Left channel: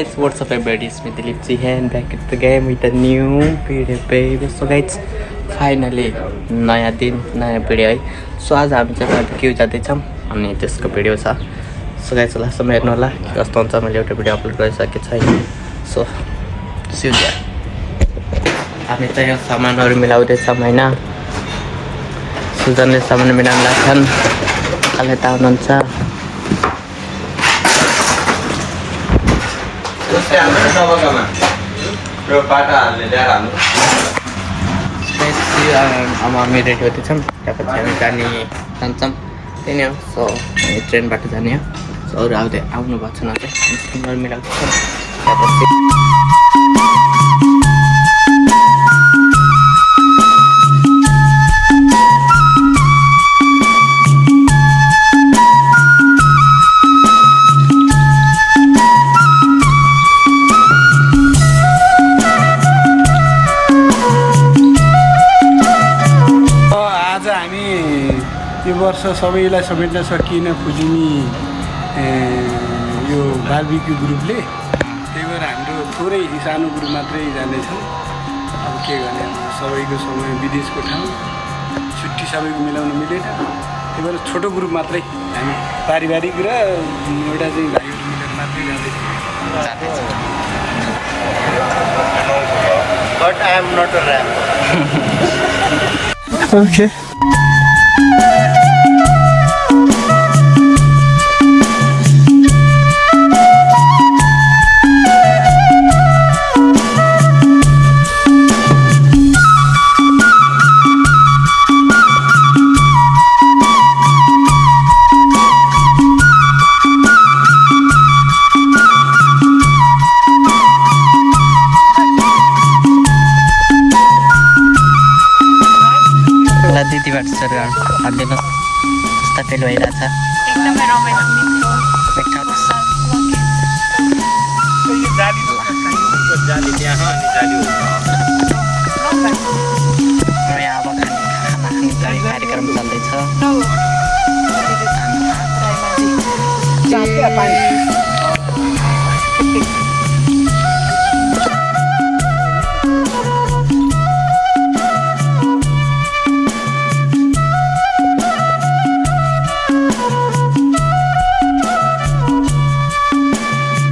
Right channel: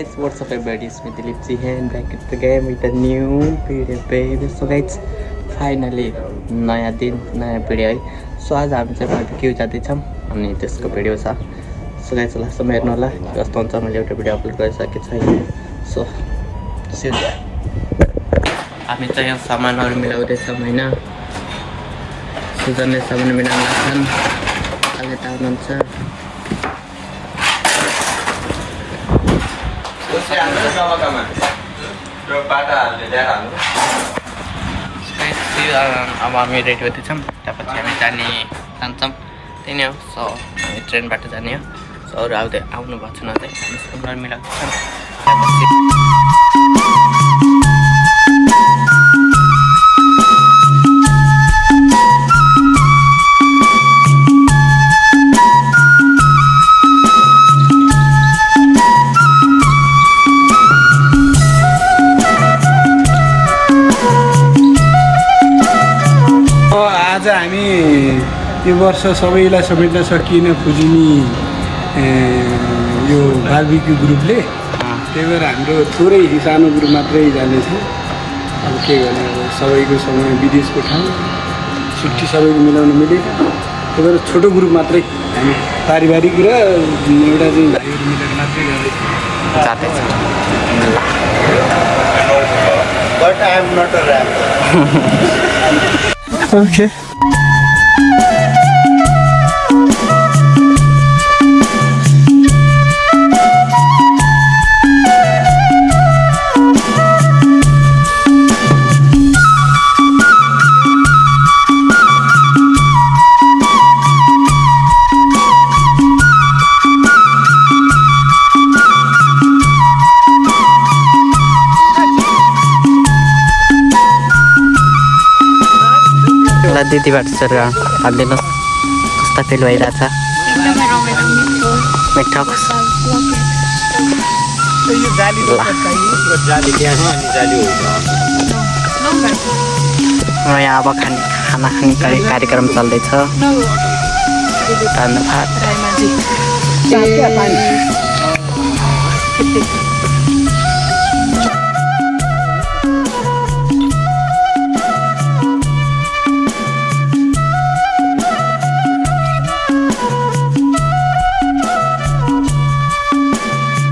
guys, what's up everybody, it's me Dilipji here and back at the game with a new video baby. So guys, finally नयाँ दिन नयाँ video है. So आज हामी चाहिँ के जाँदैछौँ अनि त्यसको भिडियो छ. सो गाइस लास्टसम्म हेर्नु होला के कस्तो हुन्छ. मैले एउटा भिडियो अपलोड गरिसकेको छैन. So see you. हामी चाहिँ यहाँ सामानहरू मिलाउँदैछौँ हैन. सुजनले सामान मिलाउन लाग्छन्. काले त आउनुहुन्छ. अब हामी रेडी गर्दैछौँ. त्यहाँपछि हामी जान्छौँ. त्यही नै हो. सो हामी ट्रेनबाट जाने हो. सो अरू आउनु भएको छैन अझै. स्क्रिनहरू मिलाउँदैछौँ. यो वर्ष सबैलाई समेट्न सकिएन खोजिने यो बार्बिक्यू ग्रुपले. त्यही भएर हाम्रो थोरै सानो ग्रुप मात्रै जानेछ. अब के गर्ने, अब सबैको समय विदेशको ठाउँ छुट्टी सबैको मिलाउनु मिलेन. त्यही भएर छोटो ग्रुप मात्रै हामी पारिवारिक र एउटा चाहिँ भाइहरू मिलेर मात्रै जाँदैछ. But I am not a rapper. Okay. हालिदिनु कस्ता फिल भइरहेछ. यहाँ अब खाना खाने कार्यक्रम चल्दैछ. धन्यवाद.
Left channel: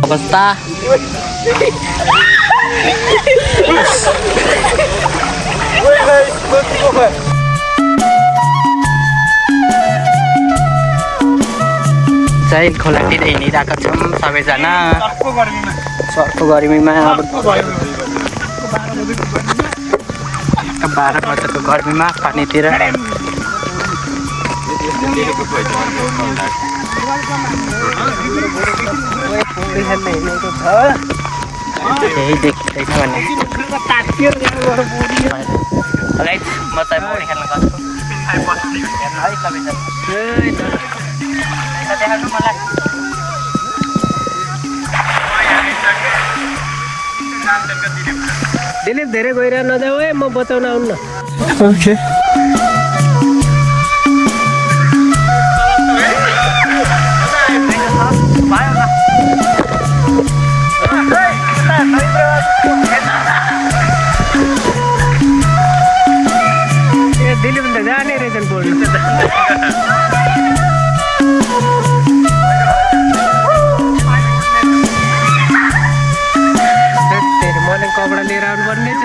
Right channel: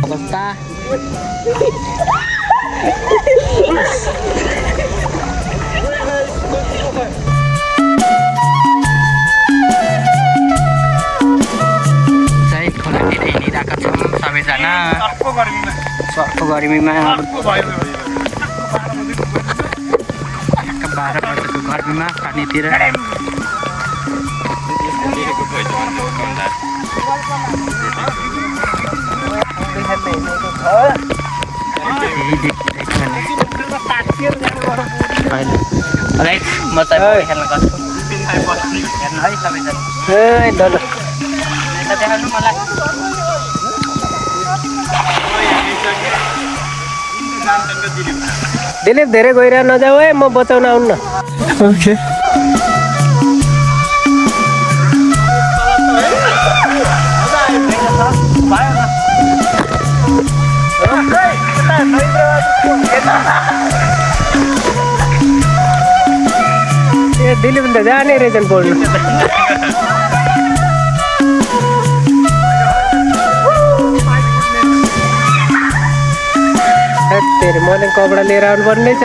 अवस्था चाहिँ खोलातिर हिँडिरहेका छौँ सबैजना. सर्को गर्मीमा अब 12 वर्षको गर्मीमा पानीतिर दिलीप धेरै गइरह नजाऊ है, म बचाउन आउनु न. ओके. दिलीप त जाने रहेछन् बोल्नु. मैले कपडा लिएर आउनु पर्ने छ.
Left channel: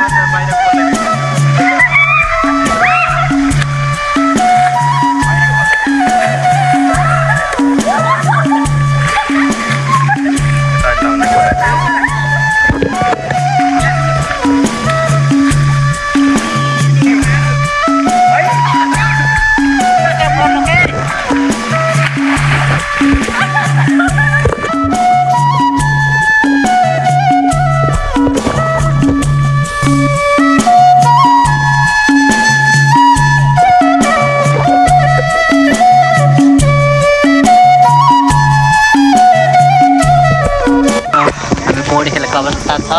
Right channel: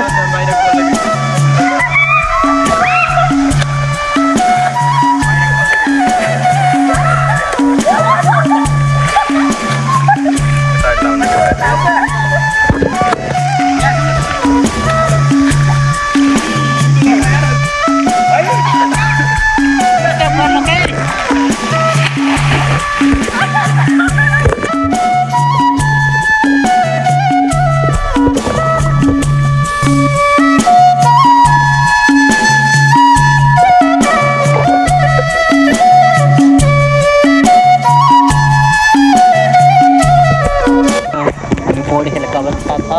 अवस्था छ.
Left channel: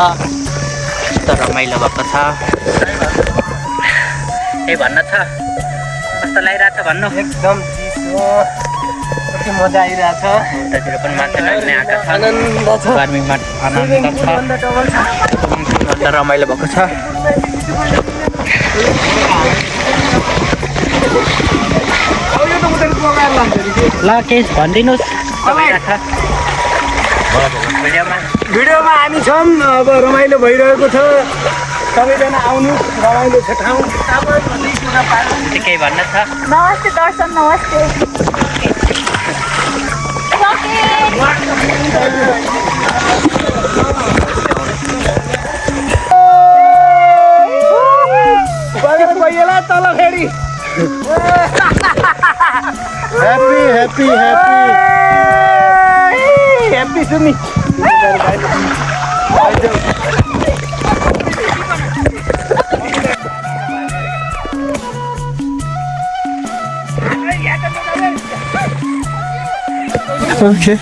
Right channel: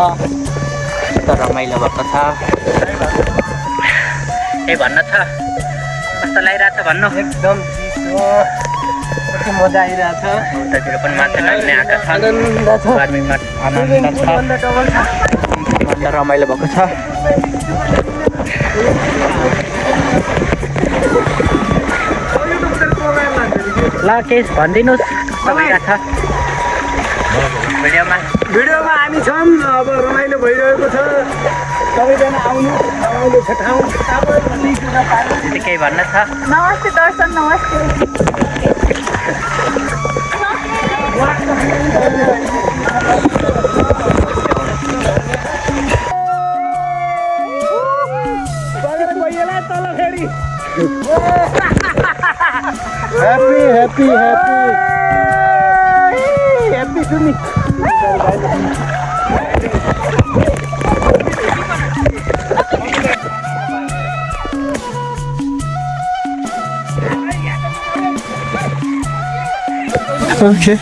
यस्तो रमाइलो भएको छ. केही भन्न छ? कस्तो लागिरहेको छ भन्नु. एकदम कति मजा आइरहेछ उतातिर पनि मान्छे लाग्ने आएका छन् आनन्द छ गर्मीमा आनन्द छ अन्त रमाइलो भएको छ ल केही भनिदिनुहोस् तपाईँ राख्छ भिडियोमा हामी छौँ अब रमाइलो भइरहेको छ सबैजना आउनुहोस् रमाइलो छ ठाउँ केही भन्न छ नमस्ते दर्शन नमस्ते गइएला तल फेरि ह्याप्पी ह्याप्पी ह्याप्पी ह्याप्पी सुनि Okay.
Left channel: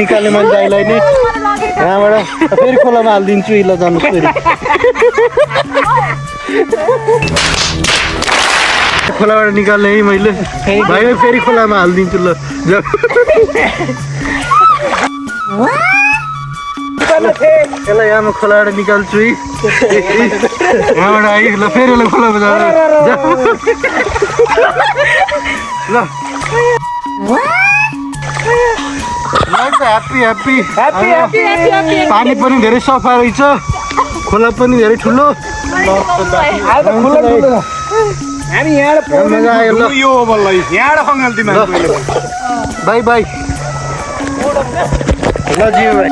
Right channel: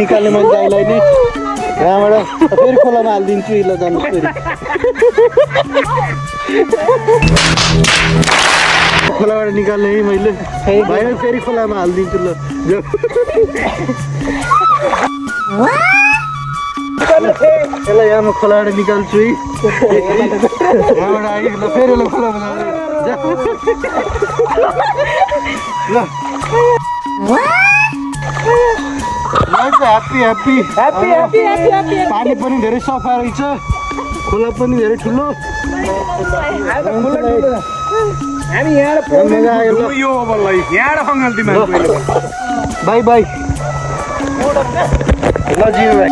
निकाल्ने मान्छेलाई नि यहाँबाट फेरि खोलामा हालिदिन्छु ल जानुहोस् फेरि खोलाबाट निकाल्ने है मैले भाइ फेरि खोलामा हालिदिन्छु ल यसलाई यहाँ खोलाबाट निकाल्छु है यहाँबाट आइ ल फेरि यसलाई खोलामा ल ह्याप्पी ह्याप्पी पानी पनि धेरै सफा रहेछ खोला पनि धेरै ठुलो हामी बाई बाई ल जिउ भाइ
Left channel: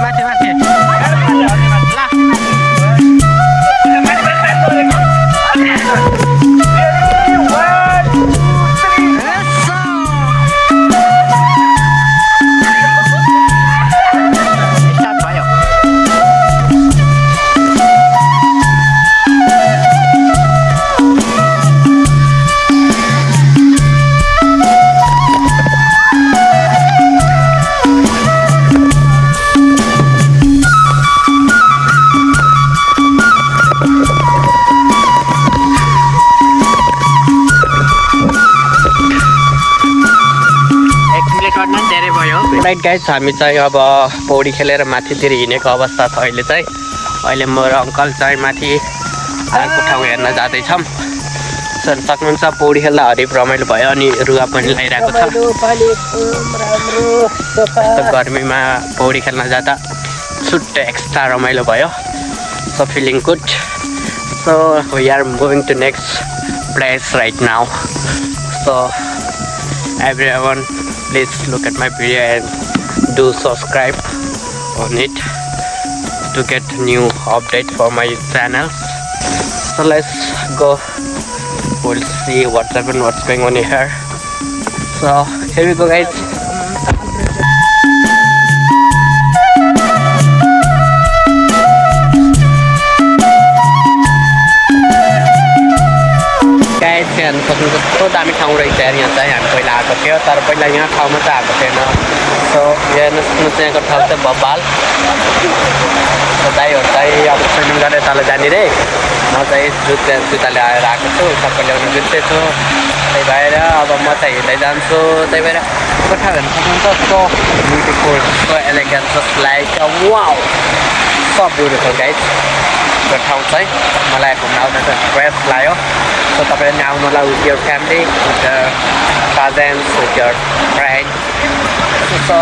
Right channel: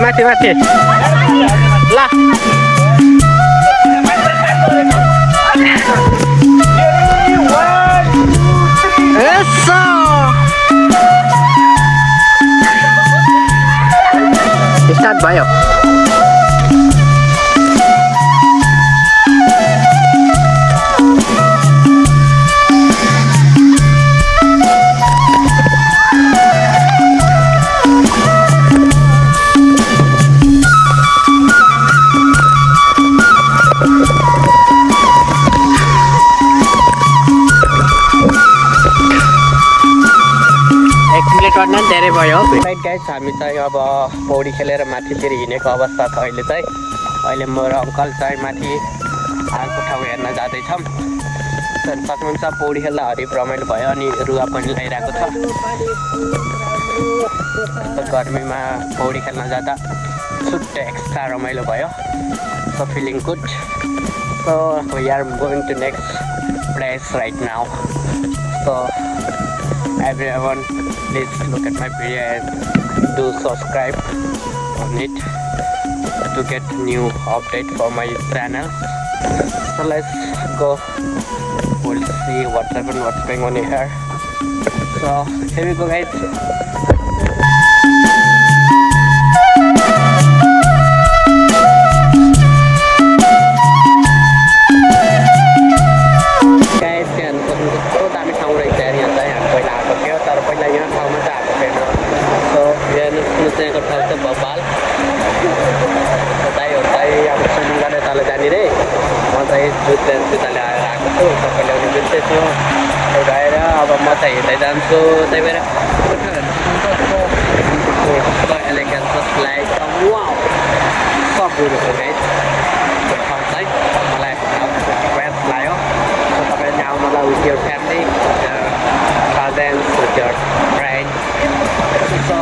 माथि माथि ला स्टार्ट भयो राइट गाइस हामी चाहिँ अब पौडी खेलेर माथितिर हिँडेको अवस्था छ अहिले चाहिँ अहिले म र अङ्कल चाहिँ माथि अर्को ठाउँ हेर्न जाँदैछौँ सक्नुहुन्छ पौडी खेल्दा हरिप रमाइलो भयो अनि रुवा पनि लगाइरहेको छ गर्मीमा पौडी खेल्न जाँदा छुट्टै एक्स्ट्रा रमाइलो भयो so feeling good so we are going to next place right now so everyone please look at my video and do subscribe on it to get new update for my channel. So let's go, we'll see what's going on here. So here we go guys. कस्तो दामी ठाउँ रहेछ यार यहाँ चाहिँ हामी पहिला आएको थियो तर पहिला यहाँ ठाउँमा चाहिँ आएको थिएन सो हेर्नुहोस् यहाँको ठाउँ चाहिँ बब्बाल दाइहरू चाहिँ अब स्विमिङ गरेर तल जाने रे म चाहिँ जुत्ताले आएर आएको छु सबै ल्याउनु बिर्सेछु त्यही भएर अब म चाहिँ हिँड्दै जान्छु त्यही भएर ठाउँ हेर्नु सक्नुहुन्छ so beautiful so elegant just like wow so beautiful guys त्यो ठाउँ चाहिँ मलाई घुम्न आउन चाहिँ बेस्ट लाग्यो सो तपाईँले आउनु होला with your family with cousins with your friend so